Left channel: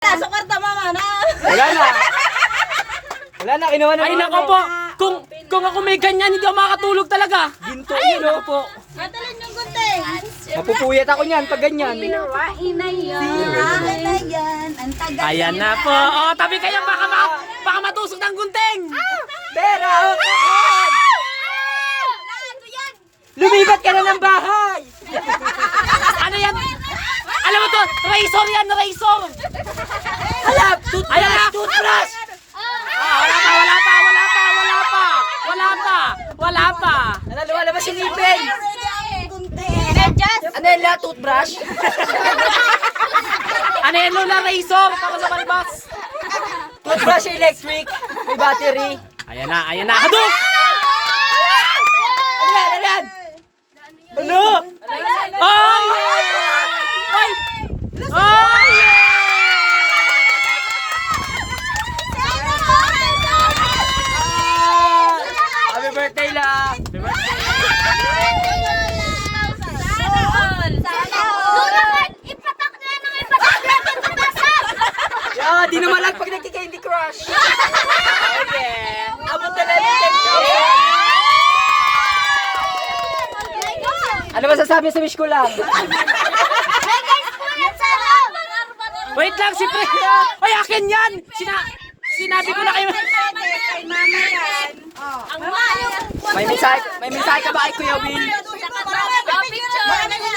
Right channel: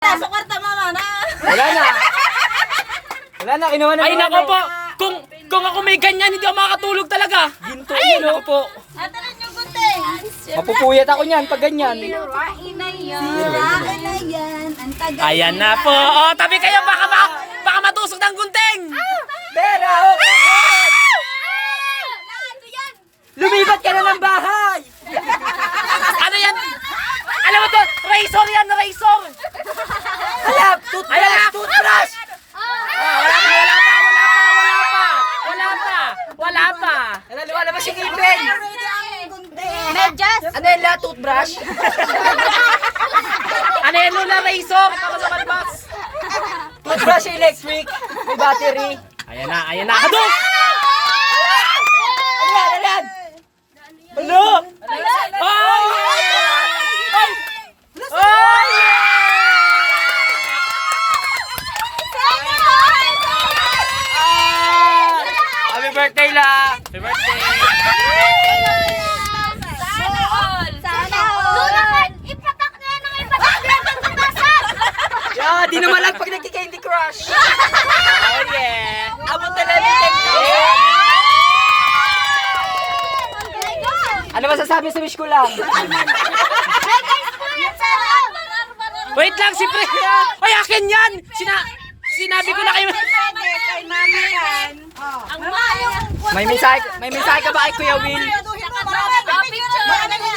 Sukarta mama na. Wala na. Wala na, kinuha na. Ay nako po. Kung ako may ganyan, hindi ako makakatulog talaga. Ginto Ay yun, nako oh. po. Atalin yung gunting. Mapupuyat ako niyan pag ganyan. Sirain na yan. Sirain na yan. Ang tagal. Ayan na po. Oh, tabi kayo baka matusok ng gunting. Pera, oh, kakad! Lumipat ka na ng bahay! Ano yan? Alam mo to, razor yan, razor. Halap! Ayan na. Toothbrush! Wala pa. Lumalabas si Nipin! Medyas. Ano yun la? Toothbrush? Ano yan, Lola, razor? Para sa malibas. Toothbrush electric! May battery! Ayan na. Hadok! Ano yan? Ano yan? Ano? Ay! Ay! Ay! Happy birthday la! Happy birthday! Yeah, di naman lang pag nagki-Candy Crush! Oh yeah! Abot na namin Ano masasabi sa wish ko lang? Wait lang, si Pre! Ay, akin yan! Sinabi ko na kayo. May mensahe ka ba kay Kuya Will? Picture.